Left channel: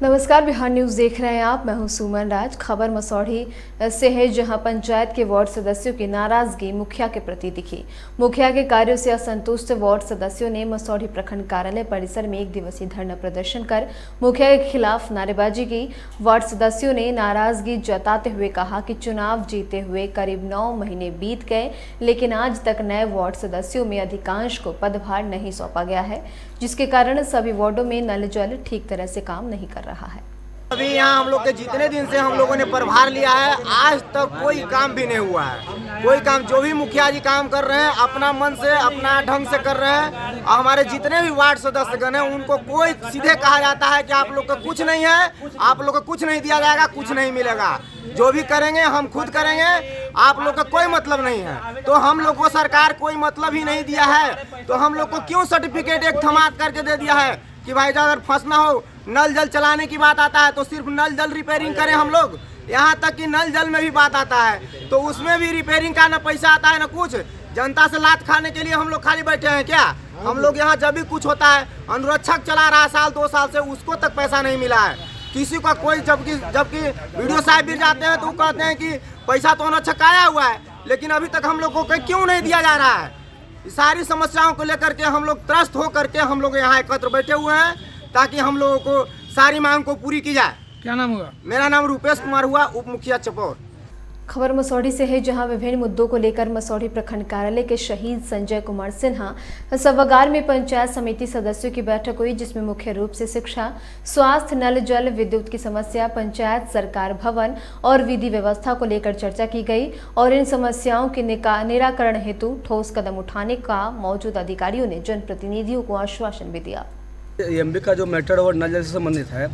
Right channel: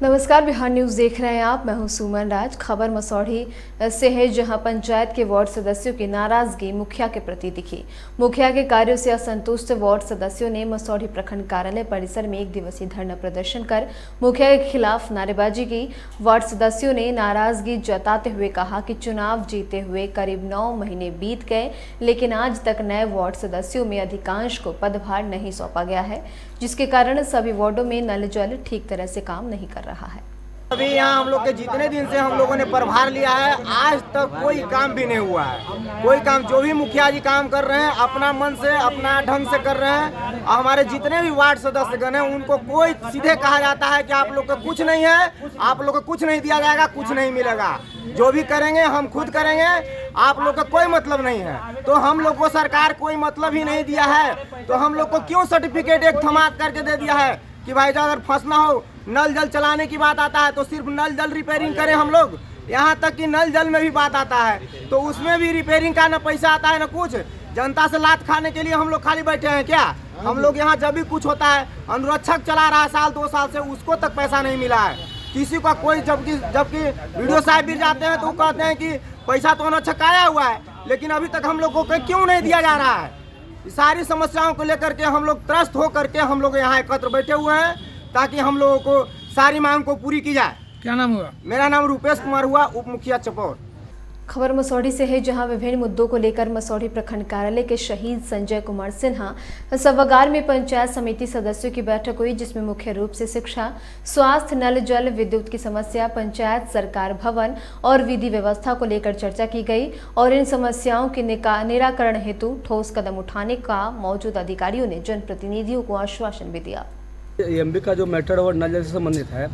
नमस्कार, बिहार न्यूज देख रहे हैं आप। मैं हूं सुमन राज। खबर मसौढ़ी से है, जहां पंचायत के वार्ड सदस्यों की नाराजगी मुखिया के प्रति दिखी। मुखिया के कार्यों से असंतुष्ट वार्ड सदस्यों ने मसौढ़ी प्रखंड कार्यालय परिसर में 1 दिवसीय धरना प्रदर्शन कर मुखिया के खिलाफ नारेबाजी की। वार्ड सदस्यों ने नाराजगी जताते हुए कहा कि चुनाव जीते हुए करीब 9 महीने बीत गए, लेकिन आज तक नए वार्ड सदस्यों में अधिकांश को पदभार नहीं सौंपा गया है, जिसके कारण सभी वार्डों में नल जल ठीक तरह से काम नहीं कर रहा है। अभी यहाँ हम लोग के जितने दिन से हम लोगों ने प्रभार लिया है, आज तक कोई काम भी नहीं हुआ है। कोई काम, जो भी मुखिया जी काम कर रहे हैं अपना मन से, अपना ढंग से कर रहे हैं। और हमारे जितने भी वार्ड सदस्यगण हैं उनको कोई सीधे कहा जाता है कि आप लोग को कुछ नहीं है, आप लोग को कुछ नहीं दिया जाएगा, कुछ नहीं मिलेगा, जो भी करेंगे हम खुद करेंगे, आप लोग का कोई मतलब नहीं है। तो हम लोग को सरकार कोई मतलब ही नहीं दिया है, तो हम लोग को क्यों सर्टिफिकेट एक थमात करके दे दिया है कि भाई अगर फंसना हो, नल जल चलाने की बात आता है तो सिर्फ नल जल रिपेयरिंग करें हम लोग। यहाँ तक कि नल जल में भी बात आता है तो उसमें भी रिपेयरिंग का न पैसा आता है न कुछ। जनता से लात खाने के लिए हम लोग खाली बैठे हैं क्या? हम लोग यहाँ जब भी कुछ होता है, अनुरक्षक चला रहा है साल 2 साल से, उसको तक पैसा नहीं मिला है किसी का कोई। जबकि वीडियो साहब भी जाते हैं तो कहते हैं कि पैसा तो अनुरक्षक आया हुआ है, लेकिन अभी तक हम लोग को क्यों नहीं दिया जा रहा है? सारी समस्याओं को लेकर के हम लोग त्रस्त हो करके हम लोग यहाँ एकत्र बैठे हुए हैं ताकि हम लोगों को सारी मांग को पूरी की जाए। क्या नाम हुआ? मेरा नाम रूपेश कुमार हुआ, उप मुखिया चपौर। खबर मसौढ़ी से है, जहां विभिन्न मुद्दों को लेकर मसौढ़ी प्रखंड कार्यालय के शहीद संजय कुमार सिन्हा सभागार में पंचायत समिति सदस्यों की बैठक हुई, जिसमें मुख्य रूप से शिक्षा, स्वास्थ्य, नल जल, विद्युत की समस्या, पंचायत सरकार भवन और विधि व्यवस्था को लेकर चर्चा की गई और इन समस्याओं के निराकरण हेतु ठोस कदम उठाने का मौजूदा अधिकारियों ने जनप्रतिनिधियों को आश्वासन भी दिया। एमबी का जो मैटर और नल जल से संबंधित है,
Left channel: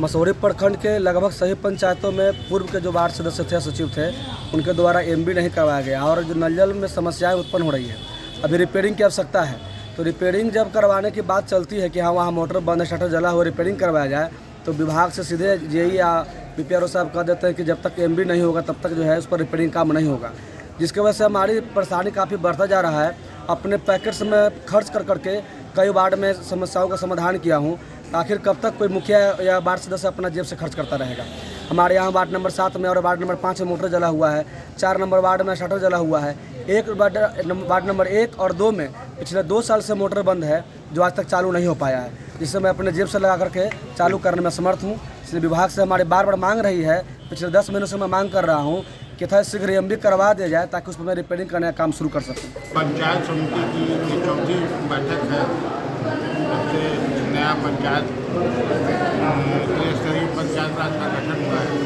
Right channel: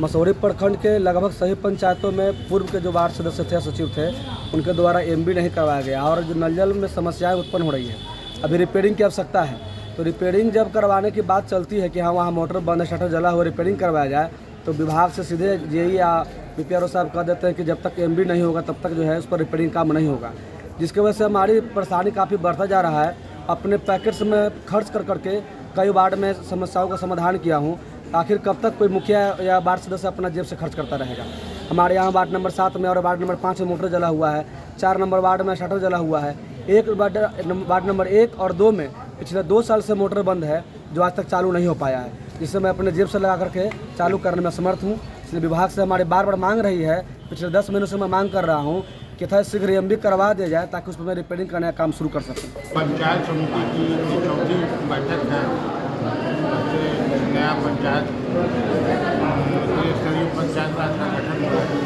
मसौढ़ी प्रखंड के लगभग सभी पंचायतों में पूर्व के जो वार्ड सदस्य थे, सचिव थे, उनके द्वारा एमबी नहीं करवाया गया और जो नल जल में समस्याएं उत्पन्न हो रही है। अभी रिपेयरिंग की आवश्यकता है, तो रिपेयरिंग जब करवाने की बात चलती है कि हाँ वहाँ मोटर बंद, शटर जला हुआ, रिपेयरिंग करवाया जाए, तो विभाग से सीधे जेई या पीपीआरओ साहब कह देते हैं कि जब तक एमबी नहीं होगा तब तक जो है उस पर रिपेयरिंग काम नहीं होगा, जिसकी वजह से हमारी परेशानी काफ़ी बढ़ता जा रहा है। अपने पैकेट्स में खर्च कर करके कई वार्ड में समस्याओं का समाधान किया हूँ। आखिर कब तक कोई मुखिया या वार्ड सदस्य अपना जेब से खर्च करता रहेगा? हमारे यहाँ वार्ड नंबर 7 में और वार्ड नंबर 5 में मोटर जला हुआ है, 4 नंबर वार्ड में शटर जला हुआ है, वार्ड नंबर 1 और 2 में पिछले 2 साल से मोटर बंद है जो आज तक चालू नहीं हो पाया है, जिससे मैं अपने जेब से लगा करके चालू करने में असमर्थ हूँ। इसलिए विभाग से हमारी बार मांग रही है, पिछले 10 महीनों से मैं मांग कर रहा हूँ कि था शीघ्र एमबी करवा दिया जाए ताकि उस पर मैं रिपेयरिंग करने का काम शुरू कर सकूँ। पंचायत समिति की 4थी बैठक है। सबसे नया पंचायत त्रिस्तरीय पंचायत राज का गठन हुआ है,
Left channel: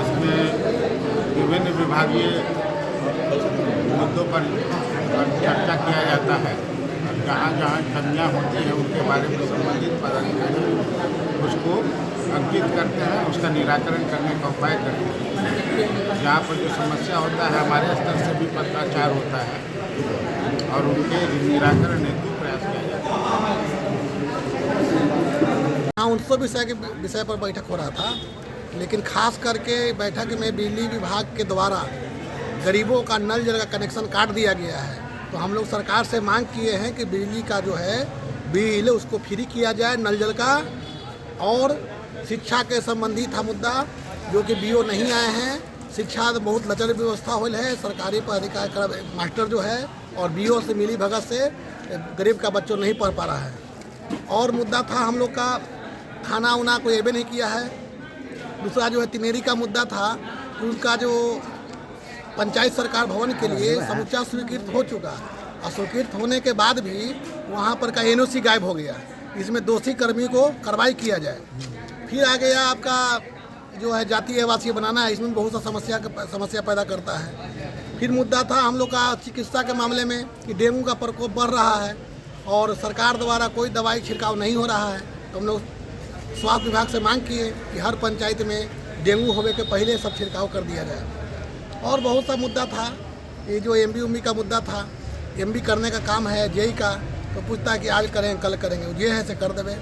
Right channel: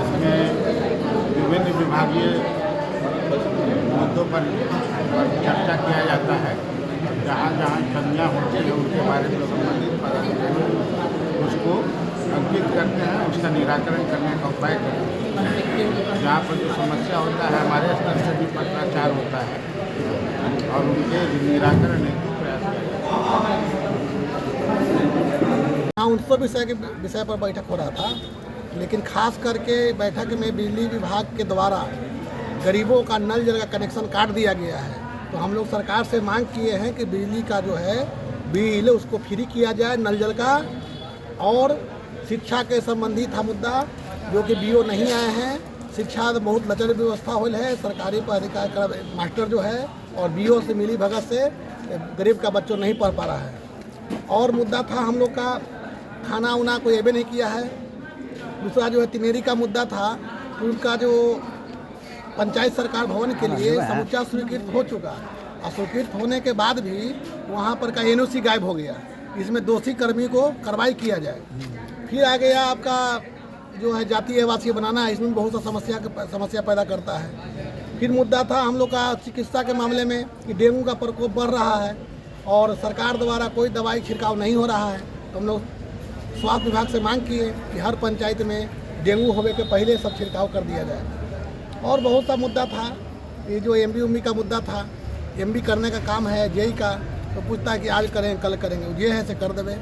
इसमें विभिन्न विभागीय मुद्दों पर चर्चा किया जाता है। जहाँ जहाँ कमियाँ होती हैं उनके बारे में संबंधित पदाधिकारी उसको अंकित करते हैं, उसका निराकरण करने का उपाय करते हैं। जहाँ पर जो समस्या होता है हमारे स्तर से भी पत्राचार होता है और उनके निराकरण हेतु प्रयास किया जाता है। हाँ, 19 विषय पर बैठक हो रहा था, लेकिन खास करके बैठक में बिजली विभाग के द्वारा गरीबों का नल जल का कनेक्शन काट दिया गया है। तो हम लोग सरकार से मांग किए हैं कि बिजली का जो है बिल उसको फ्री किया जाए, नल जल का। और शिक्षा के संबंधित था मुद्दा, जो कि बीओ नहीं आए हैं। शिक्षा बहुत लचर व्यवस्था हो है, सरकारी पढ़ाई मास्टर जो है और बीओ से मिली भगत से गरीब का बच्चों नहीं पढ़ पा रहा है। और मुद्दा था हम लोग का खाना उना कोई एबे नहीं किया है। दूसरा जो है तिनेरी का मुद्दा था, उनका जो पंचायत सरकार भवन के लिए समुच्चा स्वीकृत हो चुका, और स्वीकृत होने के बाद भी वहाँ पर का एनओसी गायब हो गया। इसमें दोषी कर्मी को कार्रवाई किया जाए। फिर आ गया आपका जो है जातीय आवासीय बनाना है, इसमें बहुत सा समस्या पैदा करता है। फिर मुद्दा था हम लोग का चिकित्सा के मामले में कि डेंगू का प्रकोप बढ़ रहा है और सरकार द्वारा कोई दवाई छिड़काव नहीं हो रहा है। तो हम लोग स्वास्थ्य विभाग से मांग किए कि हर पंचायत में डेंगू होने के पहले सब छिड़काव कर दिया जाए। और बहुत सा मुद्दा था, ये जो एमबी का मुद्दा था, एमबी करने का काम है जेई का, तो पूछता है कि आज करें कल करेंगे, ये है से कर देवे।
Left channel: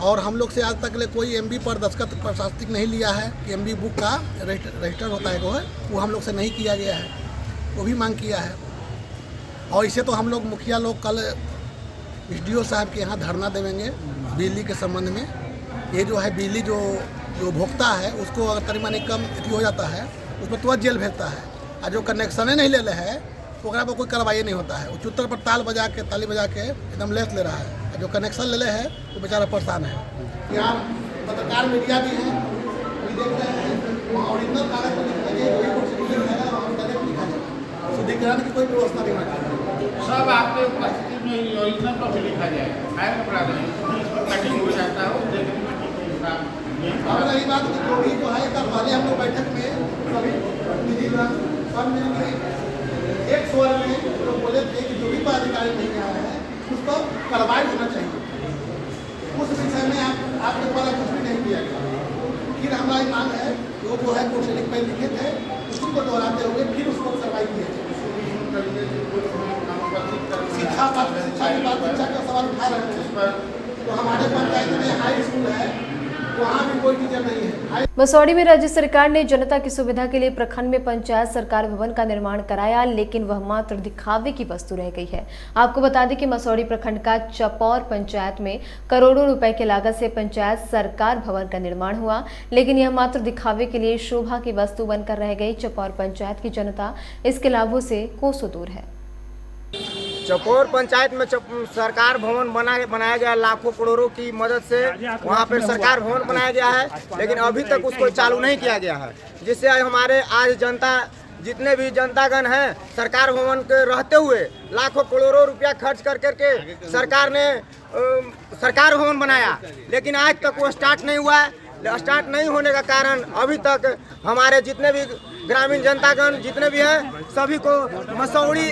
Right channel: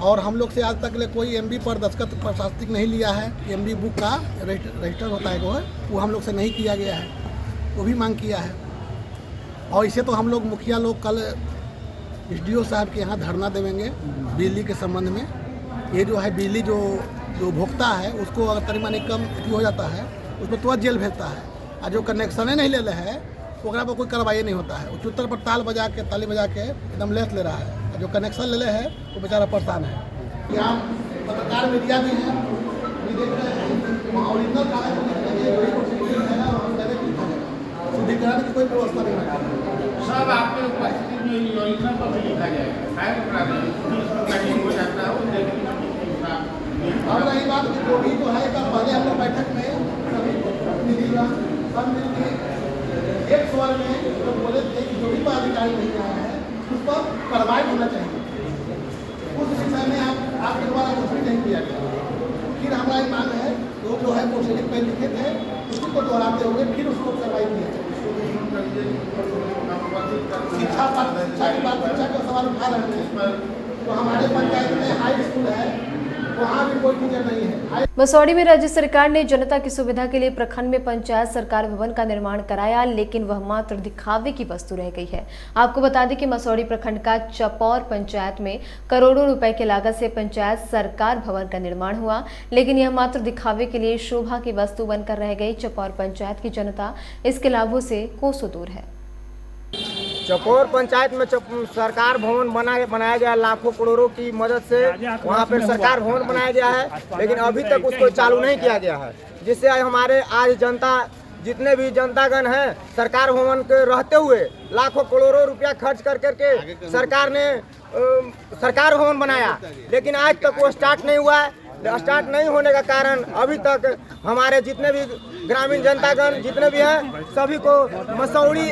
और हम लोग से आज तक ले कोई एमबी पर दस्तखत प्रशासनिक नहीं लिया है। एमबी बुक का रजिस्टर होता है वो हम लोग से नहीं किया गया है, वो भी मांग किया है। और इसे तो हम लोग मुखिया लोग कल एसडीओ साहब के यहाँ धरना देवेंगे बिजली के संबंध में। ये जो है बिजली जो उपभोक्ता है उसको अगर तनी मनी कम हो जाता है उसमें तुरंत जेल भेजता है, और जो कनेक्शने नहीं ले रहे हैं तो वहाँ पर कोई कार्रवाई नहीं होता है। वो चुत्तर पर ताली बजा के एकदम लेस ले रहा है, जो कनेक्शन ले है वो बेचारा परेशान है। यहाँ पत्रकार मीडिया भी है, देख रहे हैं ओरिजिनल कागज शुद्धिकरण की कोई व्यवस्था नहीं है। सब आपके उपस्थिति में योजना पर भी लिखा जाएगा। अब रही बात कि जो भी जो है कल पहले हम लोग बैठक में सभी प्रतिनिधिगण सब मिलकर एक स्वर में लोग बोले थे कि जो भी पदाधिकारी नहीं आए हैं उस पर कार्रवाई होना चाहिए। उस विषय में आपके द्वारा कुछ भी नहीं किया गया। फिर हमारी मांग है जो है प्रोसेडिंग पे लिखे थे उसी को दोहराते हुए फिर उसको कार्रवाई किया। शिक्षा के सवाल उठा रहे हैं, तो हमारे पंचायत में हाई स्कूल है, वहाँ भी कोई टीचर नहीं है। मसौढ़ी में राज्य सरकार ने जनता की सुविधा के लिए प्रखंड में पंचायत सरकार भवन का निर्माण कराया, लेकिन वह मात्र दिखावे की वस्तु रह गई है। आपको बता दें कि मसौढ़ी प्रखंड का चपौर पंचायत में करोड़ों रुपए की लागत से पंचायत सरकार भवन का निर्माण हुआ, लेकिन यह मात्र दिखावे के लिए शोभा की वस्तु बनकर रह गई। चपौर पंचायत की जनता इसके लाभों से कोसों दूर है। चपौर पंचायत में सरकार भवन बनाया गया, लाखों करोड़ों की मदद से वहाँ पर सरकार भवन बनाया गया है, लेकिन अभी तक उसको चालू नहीं किया गया है, जिससे हमारे आज जनता जितने भी जनतागण हैं सरकार भवन के रहते हुए लाखों करोड़ों रुपया खर्च कर करके सरकार ने सरकार भवन बनाया, लेकिन आज तक वो स्टार्ट नहीं हुआ है। स्टार्ट नहीं होने का कारण अभी तक हमारे जितने भी ग्रामीण जनतागण जितने भी हैं सभी को मसौढ़ी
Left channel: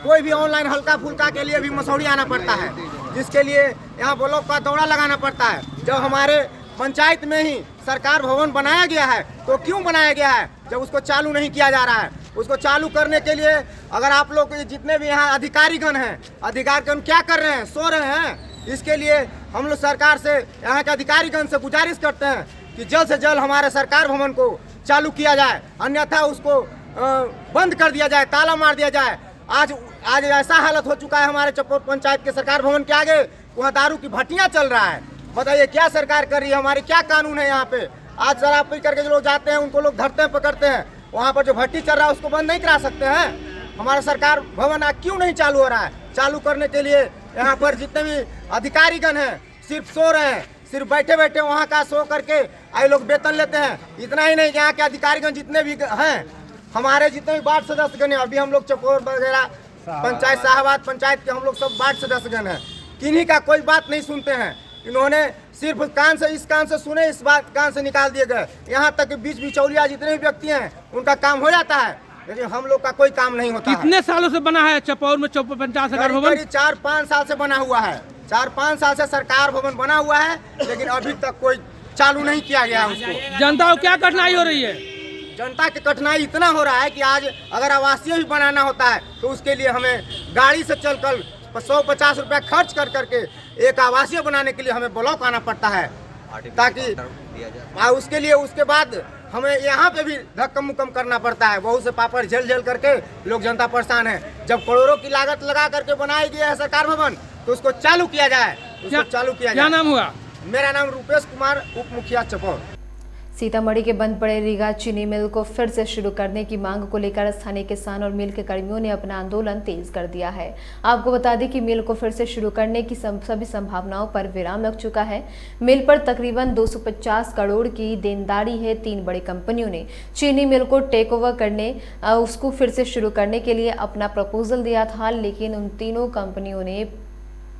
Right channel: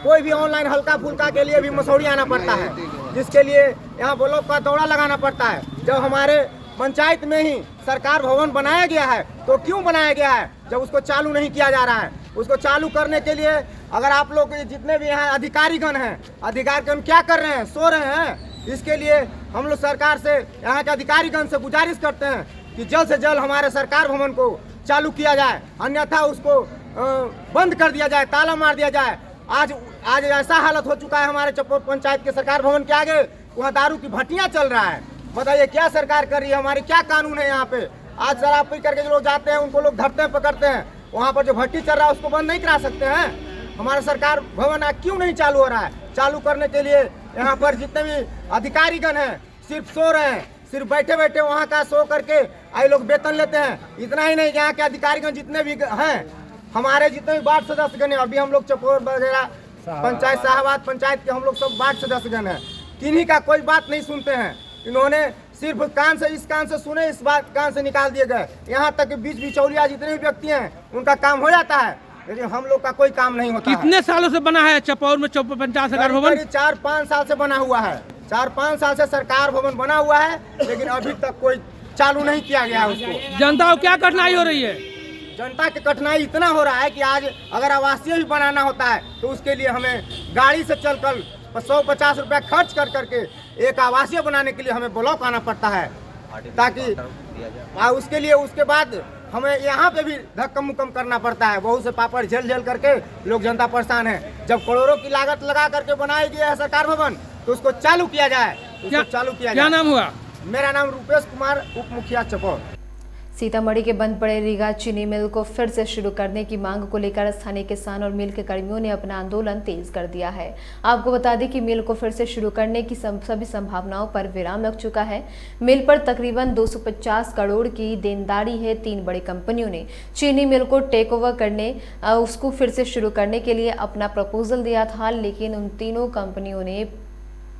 कोई भी ऑनलाइन हल्का फुल्का के लिए भी मसौढ़ी आना पड़ता है, जिसके लिए यहाँ ब्लॉक का दौरा लगाना पड़ता है। जब हमारे पंचायत में ही सरकार भवन बनाया गया है तो क्यों बनाया गया है जब उसको चालू नहीं किया जा रहा है? उसको चालू करने के लिए अगर आप लोग जितने भी यहाँ अधिकारीगण हैं, अधिकारीगण क्या कर रहे हैं? सो रहे हैं। इसके लिए हम लोग सरकार से यहाँ के अधिकारीगण से गुजारिश करते हैं कि जल्द से जल्द हमारे सरकार भवन को चालू किया जाए, अन्यथा उसको बंद कर दिया जाए, ताला मार दिया जाए। आज ऐसा हालत हो चुका है हमारे चपौर पंचायत के सरकार भवन के आगे, वहाँ दारू की भट्टियाँ चल रहा है। बताइए क्या सरकार कर रही है? हमारी क्या कानून है यहाँ पे? आज शराब पी करके जो लोग जाते हैं उनको लोग धरते हैं, पकड़ते हैं। वहाँ पर जो भट्टी चल रहा है उसको बंद नहीं करा सकते हैं? हमारा सरकार भवन क्यों नहीं चालू हो रहा है? चालू करने के लिए यहाँ पर जितने भी अधिकारीगण हैं सिर्फ सो रहे हैं, सिर्फ बैठे बैठे वहाँ का सो करके आई लोग वेतन लेते हैं। इतना ही नहीं, यहाँ के अधिकारीगण जितने भी हैं, हमारे जितने भी वार्ड सदस्यगण हैं, अभी हम लोग चपौर वगैरह पंचायत शाहबाद पंचायत के हम लोग सब वार्ड सदस्यगण हैं, किन्हीं का कोई बात नहीं सुनते हैं। इन्होंने सिर्फ कान से इस कान से सुने, इस बात कान से निकाल दिए गए। यहाँ तक बीच बिचौलिया जितने भी व्यक्ति हैं उनका काम हो जाता है, लेकिन हम लोग का कोई काम नहीं होता। कितने सालों से बना है चपौर में पंचायत सरकार भवन? 4-5 साल से बना हुआ है। 4-5 साल से सरकार भवन बना हुआ है, लेकिन अभी तक कोई चालू नहीं किया गया है उसको। जनता को क्या कठिनाई हो रही है? जनता की कठिनाई इतना हो रहा है कि आज अगर आवासीय भी बनाना होता है तो उसके लिए हमें गाड़ी से चलकर 150 रुपया खर्च कर करके एक आवासीय बनाने के लिए हमें ब्लॉक आना पड़ता है, ताकि उसके लिए उसके बाद हमें यहाँ पे भी धक्कम मुक्कम करना पड़ता है। बहुत से पापड़ झेल करके लोग जनता परेशान है। जब करोड़ों की लागत लगा करके बनाई गई है सरकार भवन तो उसको चालू किया जाए, उसको चालू किया जाए। क्या नाम हुआ? मेरा नाम रूपेश कुमार, उप मुखिया चपौर। सीतामढ़ी के बंद पड़े रीगा चीनी मिल को फिर से शुरू करने की मांग को लेकर स्थानीय किसान और मिल के कर्मियों ने अपना आंदोलन तेज कर दिया है। आपको बता दें कि मिल को फिर से शुरू करने की सभी संभावनाओं पर विराम लग चुका है। मिल पर तकरीबन 250 करोड़ की देनदारी है। 3 बड़ी कंपनियों ने चीनी मिल को टेक ओवर करने उसको फिर से शुरू करने के लिए अपना प्रपोजल दिया था, लेकिन उन तीनों कंपनियों ने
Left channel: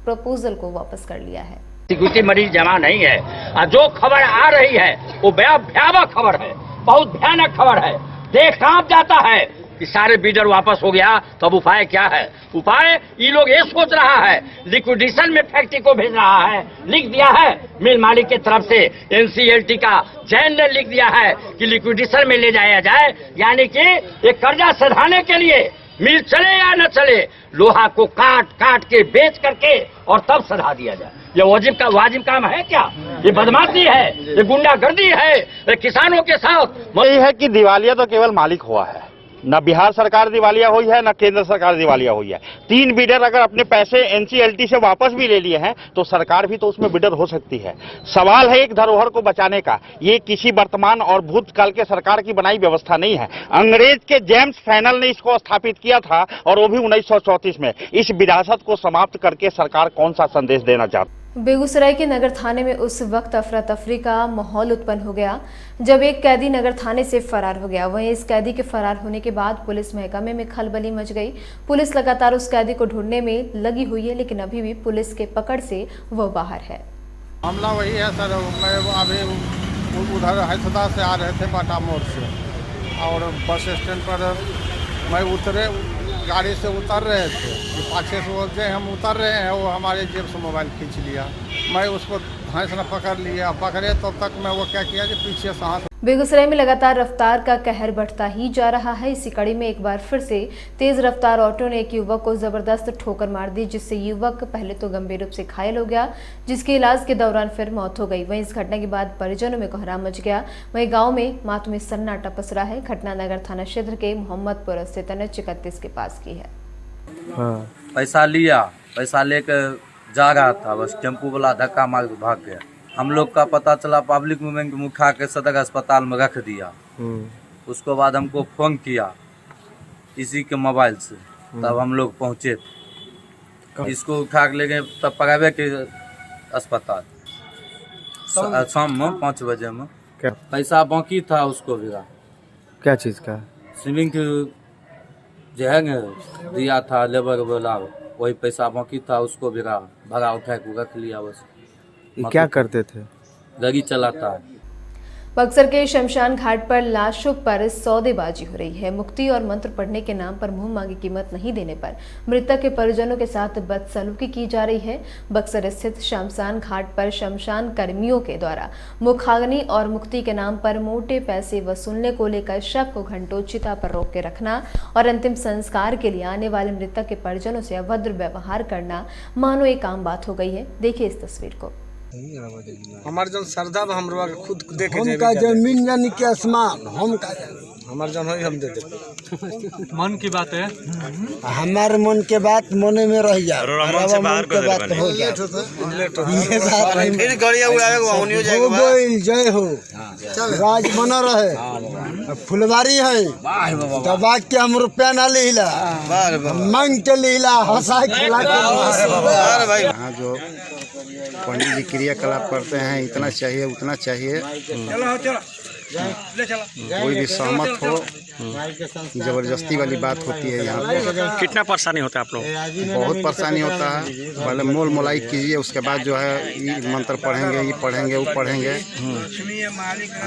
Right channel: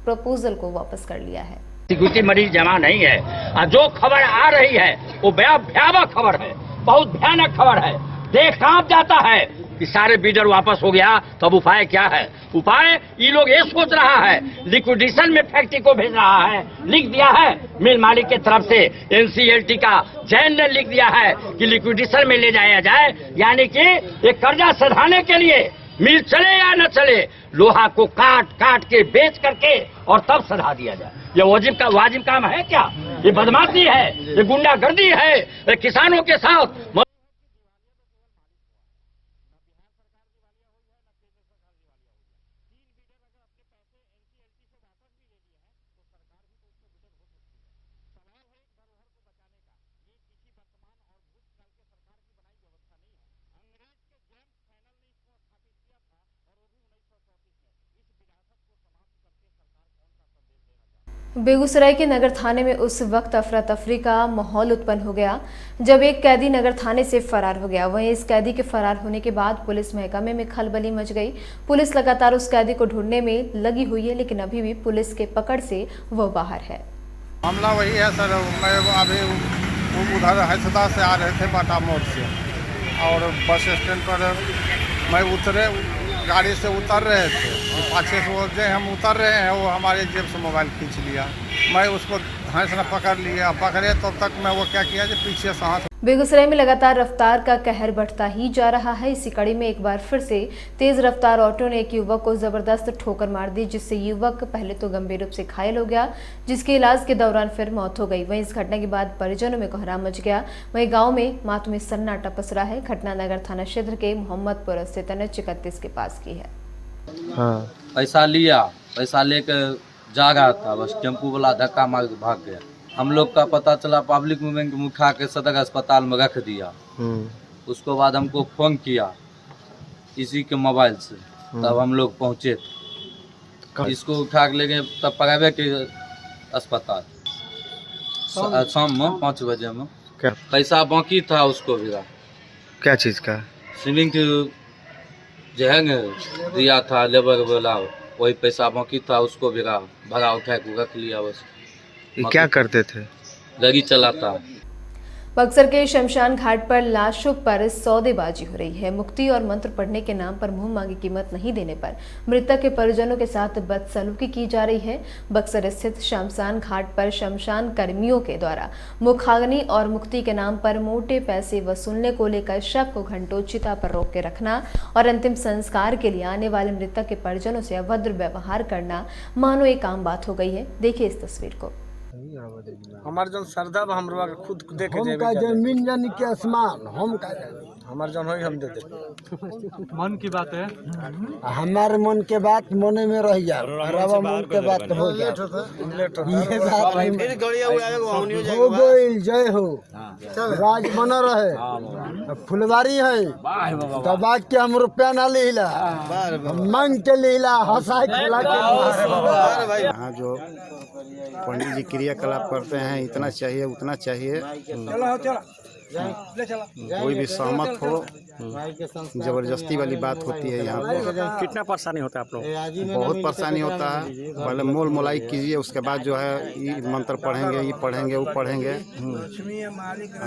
प्रपोजल को वापस कर लिया है। सिक्योरिटी मरीज जमा नहीं है और जो खबर आ रही है वो भयावह खबर है, बहुत भयानक खबर है। देश कांप जाता है कि सारे बीडर वापस हो गया, तो अब उपाय क्या है? उपाय ये लोग ये सोच रहा है लिक्विडेशन में फैक्ट्री को भेज रहा है। लिख दिया है मिल मालिक की तरफ से, NCLT का जैन ने लिख दिया है कि लिक्विडेशन में ले जाया जाए, यानी कि ये कर्जा सधाने के लिए मिल चले या न चले, लोहा को काट के बेच करके और तब सधा दिया जाए। ये वाजिब काम है क्या? ये बदमाशी है, ये गुंडागर्दी है किसानों के साथ। यही है कि दिवालिया तो केवल मालिक हुआ है, न बिहार सरकार दिवालिया हुई है, न केंद्र सरकार दिवालिया हुई है। 3 बिडर अगर अपने पैसे एनसीएलटी से वापस भी ले लिए हैं तो सरकार भी तो उसमें बिडर हो सकती है। सवाल है एक धरोहर को बचाने का। ये किसी वर्तमान और भूतकाल के सरकार की बनाई व्यवस्था नहीं है। अंग्रेज के जेम्स फैनल ने इसको स्थापित किया था और वो भी 1934 में। इस विरासत को समाप्त करके सरकार कौन सा संदेश देना चाहती है? बेगूसराय के नगर थाने में उस वक्त अफरा तफरी का माहौल उत्पन्न हो गया जब एक कैदी नगर थाने से फरार हो गया। वहीं इस कैदी के फरार होने के बाद पुलिस महकमे में खलबली मच गई। पुलिस लगातार उस कैदी को ढूंढने में लगी हुई है, लेकिन अभी भी पुलिस के पकड़ से वह बाहर है। मामला वही है सर, मैं अभी उधर हैदराबाद से आ रहे थे बाटा मोड़ से, और बस स्टैंड पर मैं उतरे, गाड़ी से उतर रहे थे, पाछे से वो जो हम उतर रहे हैं वो हमारे जेब से मोबाइल खींच लिया। मैं उसको धांस न पकड़ लिया, पकड़े तब तक मैं वो क्या किया कि पीछे से हाथ। बेगूसराय में लगातार रफ्तार का कहर बढ़ता ही जा रहा है। इसी कड़ी में एक बार फिर से तेज रफ्तार ऑटो ने एक युवक को जबरदस्त ठोकर मार दी, जिससे युवक पहले तो गंभीर रूप से घायल हो गया, जिसके इलाज के दौरान फिर मौत हो गई। वहीं इस घटना के बाद परिजनों में कोहराम मच गया। वहीं गांव में मातमी सन्नाटा पसरा है। घटना नगर थाना क्षेत्र के मोहम्मदपुर स्थित NH31 के पास की है। पैसा लिया, पैसा लेकर जा रहा था, बस टेम्पू वाला धक्का मार के भाग गया। हम लोग का पता चला, पब्लिक मूवमेंट में उठा के सदर अस्पताल में रख दिया। उसके बाद हमको फोन किया इसी के मोबाइल से, तब हम लोग पहुँचे थे। इसको उठा के ले गए तब प्राइवेट के अस्पताल शाम में 5 बजे में। पैसा बाकी था उसको भी। क्या चीज़ का? स्विमिंग जो है न दिया था लेबर वाला, वही पैसा बाकी था, उसको भी भरा उठा के रख लिया। बस क्या करते थे? गाड़ी चलाता है। बक्सर के शमशान घाट पर लाशों पर सौदेबाजी हो रही है। मुक्ति और मंत्र पढ़ने के नाम पर मुंह मांगी कीमत नहीं देने पर मृतक के परिजनों के साथ बदसलूकी की जा रही है। बक्सर स्थित शमशान घाट पर शमशान कर्मियों के द्वारा मुखाग्नि और मुक्ति के नाम पर मोटे पैसे वसूलने को लेकर शव को घंटों चिता पर रोक के रखना और अंतिम संस्कार के लिए आने वाले मृतक के परिजनों से अभद्र व्यवहार करना मानो एक आम बात हो गई है। देखिए इस तस्वीर को। हमार जन श्रद्धा हम खुद देखे हम का जमीन यानी कि आसमान, हम का हमार जन हम दे दे। मन की बात है, हमारे मन के बात मने में रह जा, मन से बाहर कर बात हो जा। ये बात फिर गड़िया उड़ावे को होनियो जाएगा। जय हो, राज बना रहे, फुलवारी है तो बात के हम रुपया ना लीला, मांग के लीला, हंसा खिला के। भाई जो पंडित जी क्रियाकलाप करते हैं, इतना चाहिए उतना चाहिए, कोई भी सहमत हो, जबरदस्ती वाली बात होती है यहाँ पे। कितना परेशानी होता है आप लोग? बहुत परेशानी होता है। पहले मोल मोलाई कीजिए, उसके बाद जो है ये मंत्र पढ़ेंगे, ये पढ़ेंगे, वो पढ़ेंगे,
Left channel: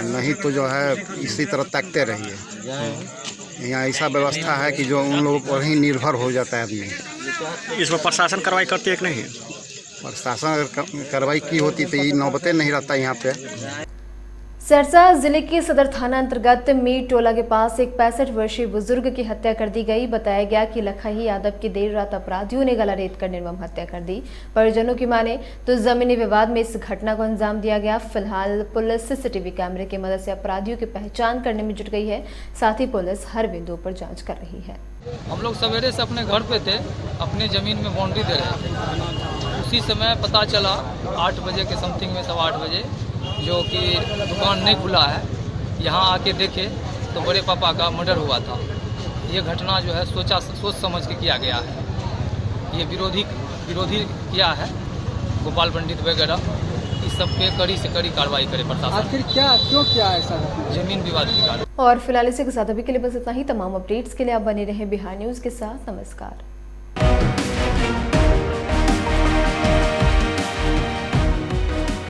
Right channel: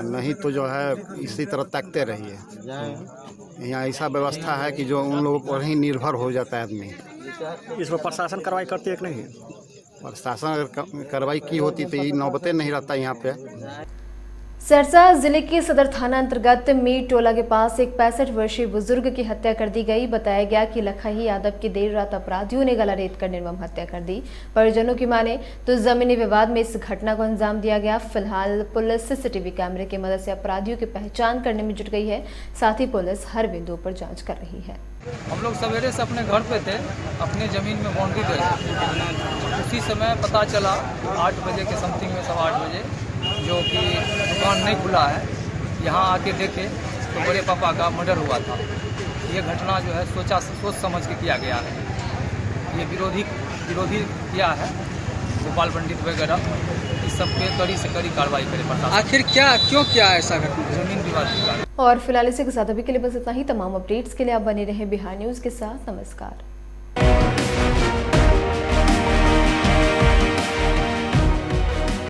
नहीं तो जो है इसी तरह ताकते रहिए। यहाँ ऐसा व्यवस्था है कि जो उन लोगों पर ही निर्भर हो जाता है आदमी। इसमें प्रशासन कार्रवाई करती है कि नहीं? प्रशासन अगर कार्रवाई की होती तो ये नौबतें नहीं रहता यहाँ पे। सरसा जिले के सदर थाना अंतर्गत मीर टोला के पास एक 65 वर्षीय बुजुर्ग की हत्या कर दी गई। बताया गया कि लखाही यादव की देर रात अपराधियों ने गला रेत कर निर्मम हत्या कर दी। परिजनों की माने तो जमीनी विवाद में इस घटना को अंजाम दिया गया। फिलहाल पुलिस सीसीटीवी कैमरे की मदद से अपराधियों की पहचान करने में जुट गई है। साथ ही पुलिस हर बिंदु पर जाँच कर रही है। हम लोग सवेरे से अपने घर पे थे, अपने ज़मीन में बाउंड्री दे रहे थे। उसी समय पता चला 8 बजे के समथिंग में, 8:15 बजे, जो कि दुकान नहीं खुला है, यहाँ आके देखे तो बड़े पापा का मर्डर हुआ था। ये घटना जो है सोच समझ के किया गया है। ये विरोधी किया है, गोपाल पंडित वगैरह, इस सब पे कड़ी से कड़ी कार्रवाई करे प्रशासन। आखिर क्यों किया ऐसा घटना? जमीन विवाद के कारण। और फिलहाल इसी के साथ अभी के लिए बस इतना ही। तमाम अपडेट्स के लिए आप बने रहें बिहार न्यूज़ के साथ। नमस्कार।